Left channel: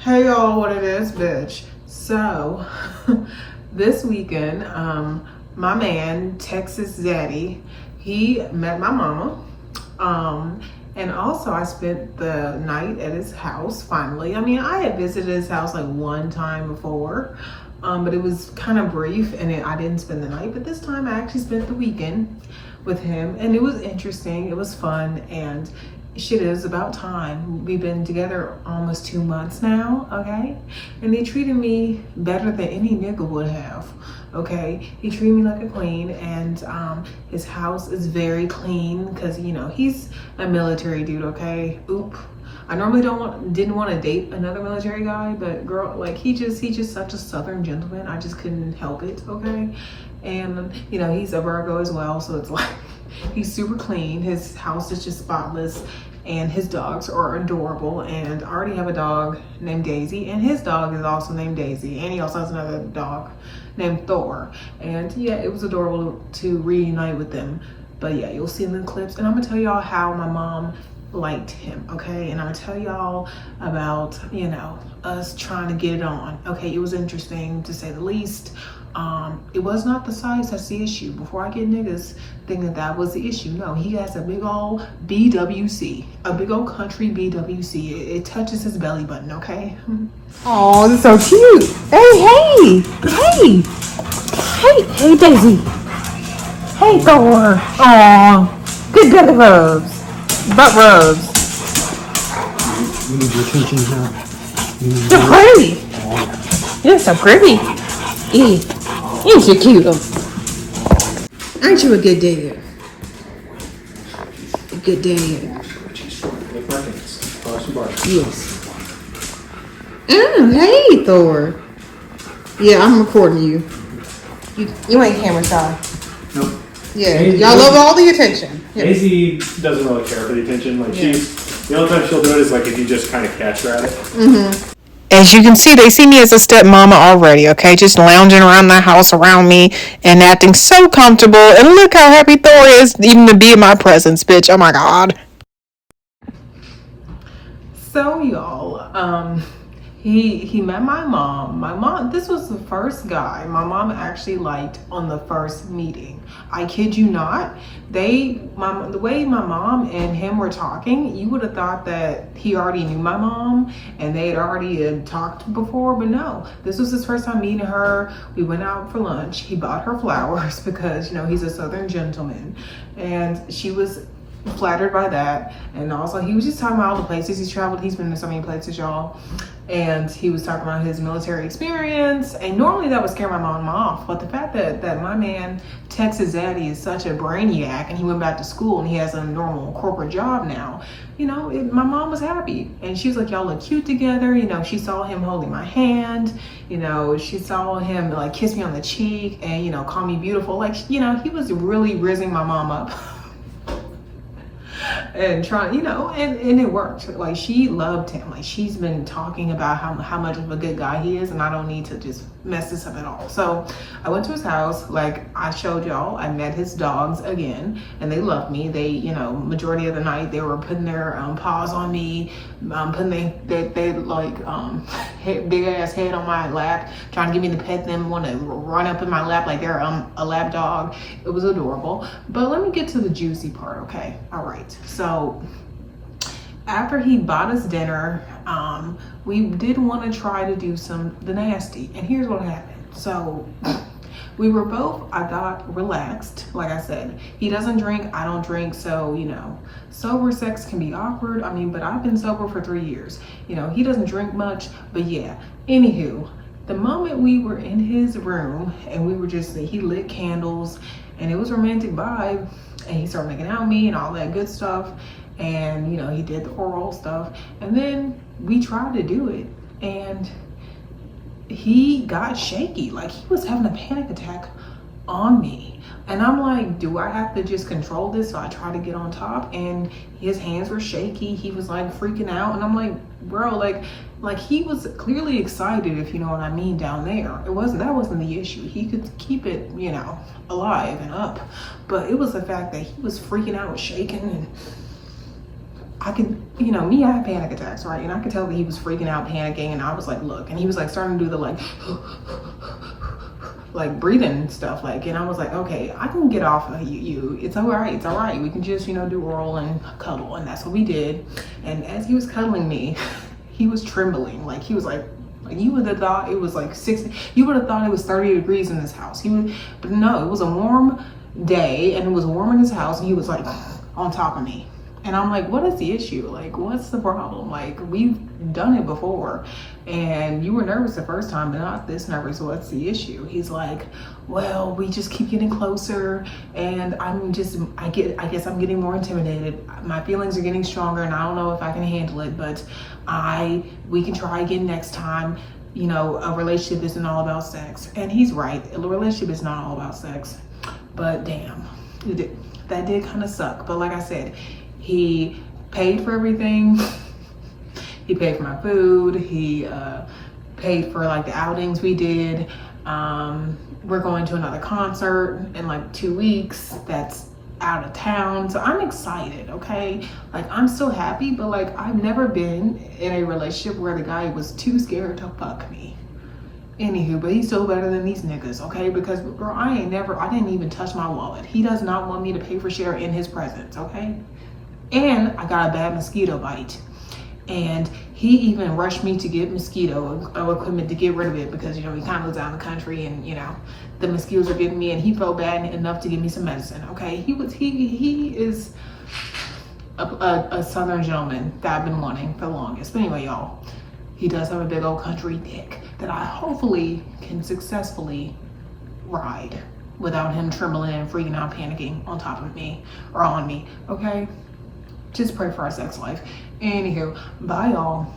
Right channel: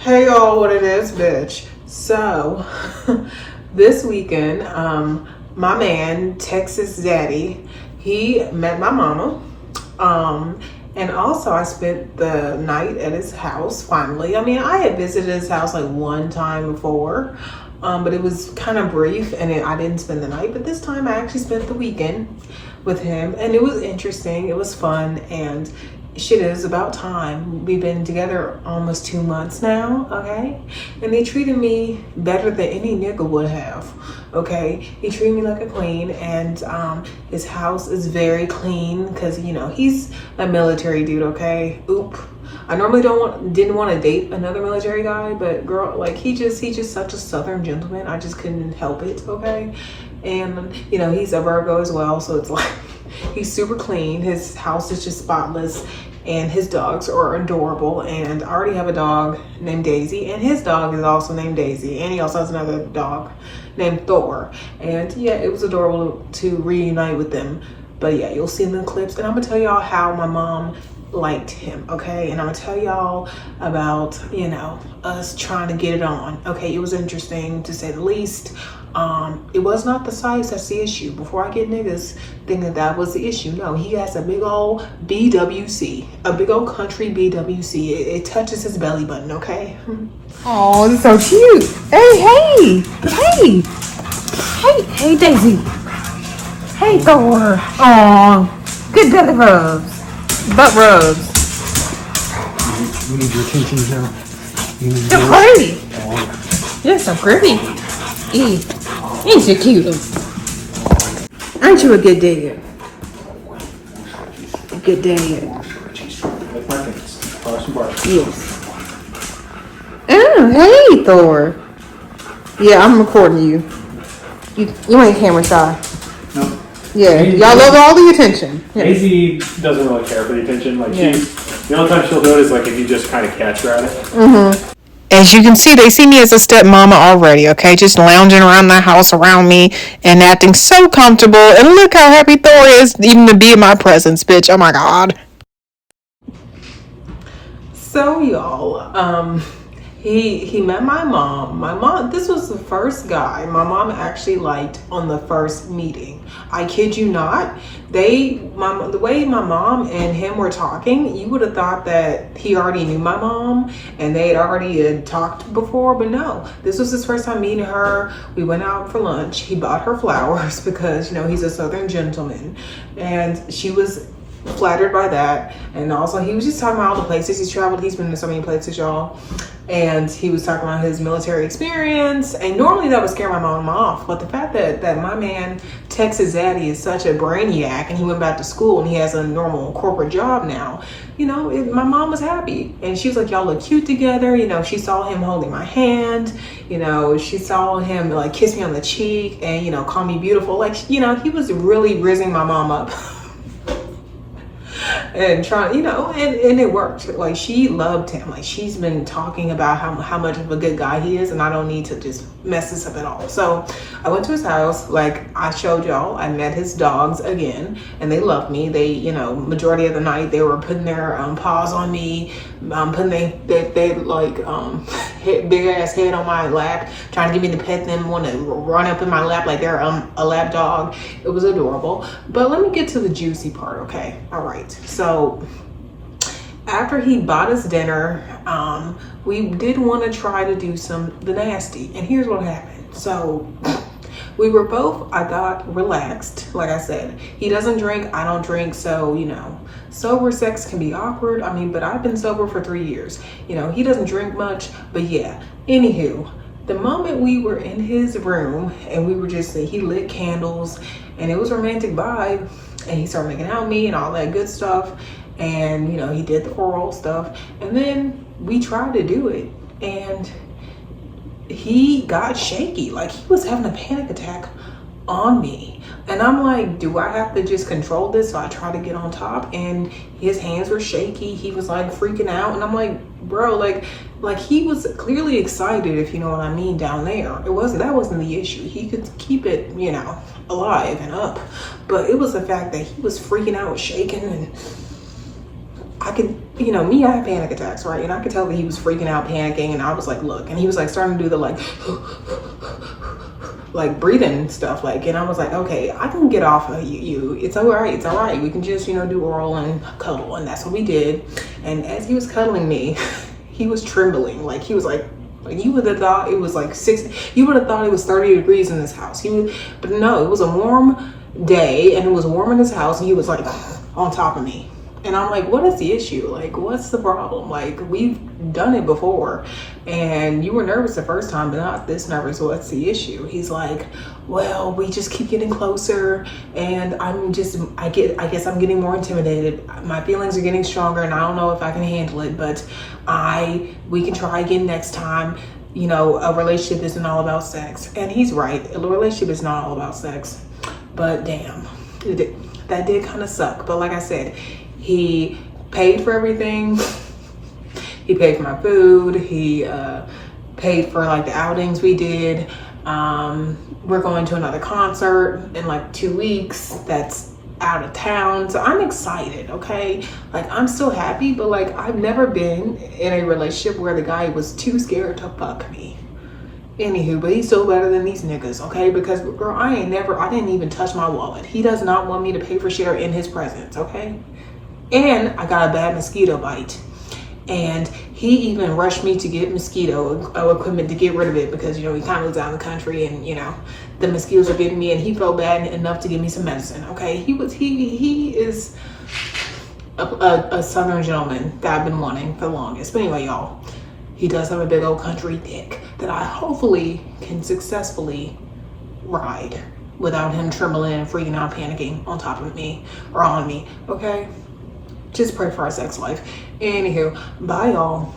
Hey y'all, what it is, bitch. So, this weekend, my man, Texas Zaddy, he met my mama. And also I spent the night at his house finally. I mean, I had visited his house like one time before, but it was kind of brief and I didn't spend the night. But this time I actually spent the weekend with him and it was interesting. It was fun and shit, it is about time. We've been together almost 2 months now, okay? And they treated me better than any nigga would have, okay? He treated me like a queen, and his house is very clean because, you know, he's a military dude, okay? Oop. I normally didn't want to date another military guy, but girl, like he's just such a southern gentleman. I just couldn't help it, okay? And, you know, he's a Virgo as well, so it's like he's super clean. His house is just spotless and his dogs are adorable. And I already have a dog named Daisy and his dog is also named Daisy. And he also has another dog named Thor. And yeah, it was adorable to reunite with them. But yeah, you'll see in the clips. And I'm gonna tell y'all how my mom liked him, okay? And I'm gonna tell y'all about, you know, us trying to get it on. Okay, it was interesting to say the least. It was not the size that's the issue. Before I get niggas thinking that was the issue, no, he has a big old BWC, a big old country BWC. It touches his belly button, okay? Oh, that's so cute. Hey, Daisy. Hey, Thor. Oh, good belly rubs. Butt rubs. We need your attention now. You're pretty. You're so pretty. Ain't you cute? Aren't you a good dad? A good dad. Like my kids. Yes. Oh, hey, Thor. Yeah, I'm recording you. You ain't camera shy. No. Yeah, Daisy, y'all love all the attention. Yeah. Daisy doesn't really care for the attention. Like Yeah. the only time she'll do it is like if you just kind of catch her at it. Mm-hmm. As you can see, they see me as a stepmama already, okay? Just lounging around the house around me and acting so comfortable. And look how happy Thor is even to be in my presence, bitch. Oh my God. So y'all, he met my mom. My mom, this was the first guy my mom actually liked on the first meeting. I kid you not. The way my mom and him were talking, you would have thought that he already knew my mom and they had already talked before, but no. This was his first time meeting her. We went out for lunch. He bought her flowers because, you know, he's a southern gentleman, and she was flattered by that. And also he was just talking about all the places he's traveled. He's been to so many places, y'all. And he was talking about his military experience, and normally that would scare my mom off, but the fact that my man Texas Zaddy is such a brainiac and he went back to school and he has a normal corporate job now, you know, my mom was happy. And she was like, y'all look cute together. You know, she saw him holding my hand, you know, she saw him like kiss me on the cheek and, you know, call me beautiful. Like, you know, he was really rizzing my mom up. And trying, you know, and it worked. Like, she loved him. Like, she's been talking about how much of a good guy he is, and I don't need to just mess this up at all. So I went to his house. Like I showed y'all, I met his dogs again, and they loved me. They, you know, majority of the night they were putting their paws on me, putting they like big ass head on my lap, trying to get me to pet them, want to run up in my lap like they're a lap dog. It was adorable. But let me get to the juicy part, okay? All right. So after he bought us dinner, we did want to try to do the nasty, and here's what happened. So we were both, I thought, relaxed. Like I said, he doesn't drink, I don't drink, so, you know, sober sex can be awkward. I mean, but I've been sober for 3 years. You know, he doesn't drink much, but yeah. Anywho, the moment we were in his room and we were just, he lit candles and it was a romantic vibe, and he started making out with me and all that good stuff. And, you know, he did the oral stuff, and then we tried to do it, and he got shaky. Like, he was having a panic attack on me, and I'm like, do I have to just control this? So I tried to get on top, and his hands were shaky. He was like freaking out, and I'm like, bro, like he was clearly excited, if you know what I mean, down there. That wasn't the issue. He could keep it, you know, alive and up, but it was the fact that he was freaking out, shaking, and I could, you know, me, I have panic attacks, right? And I could tell that he was freaking out, panicking, and I was like, look, and he was like starting to do the like breathing stuff, like, and I was like, okay, I can get off of you. It's all right. We can just, you know, do oral and cuddle, and that's what we did. And as he was cuddling me, he was trembling, like he was like you would have thought it was like 60. You would have thought it was 30 degrees in this house. But no, it was a warm day, and it was warm in his house, and he was like on top of me. And I'm like, what is the issue? Like, what's the problem? Like, we've done it before, and you were nervous the first time, but not this nervous. What's the issue? He's like, well, we just keep getting closer, and I guess I'm getting more intimidated. My feelings are getting stronger, and I don't know if I can handle it, but we can try again next time. You know, a relationship isn't all about sex. And he's right. A relationship is not all about sex. But damn, that did kind of suck. But like I said, he paid for everything. He paid for my food. He paid for like the outings we did. We're going to another concert in like 2 weeks. That's out of town. So I'm excited, okay? Like, I'm still happy, but like, I've never been in a relationship where the guy was too scared to fuck me. Anywho, but he's still better than these niggas, okay? Because girl, I didn't even touch my wallet. He does not want me to pay for share in his presence, okay? And I got a bad mosquito bite. And he even rushed me to get mosquito equipment to get rid of it because, you know, he kind of lives out in the country and, you know, the mosquitoes are getting me, and he felt bad enough to give me some medicine, okay? He is a southern gentleman that I've been wanting for the longest. But anyway, y'all, he does have a big old country dick that I hopefully can successfully ride without him trembling and freaking out, panicking on top of me or on me, okay? Just pray for our sex life. Anywho, bye y'all.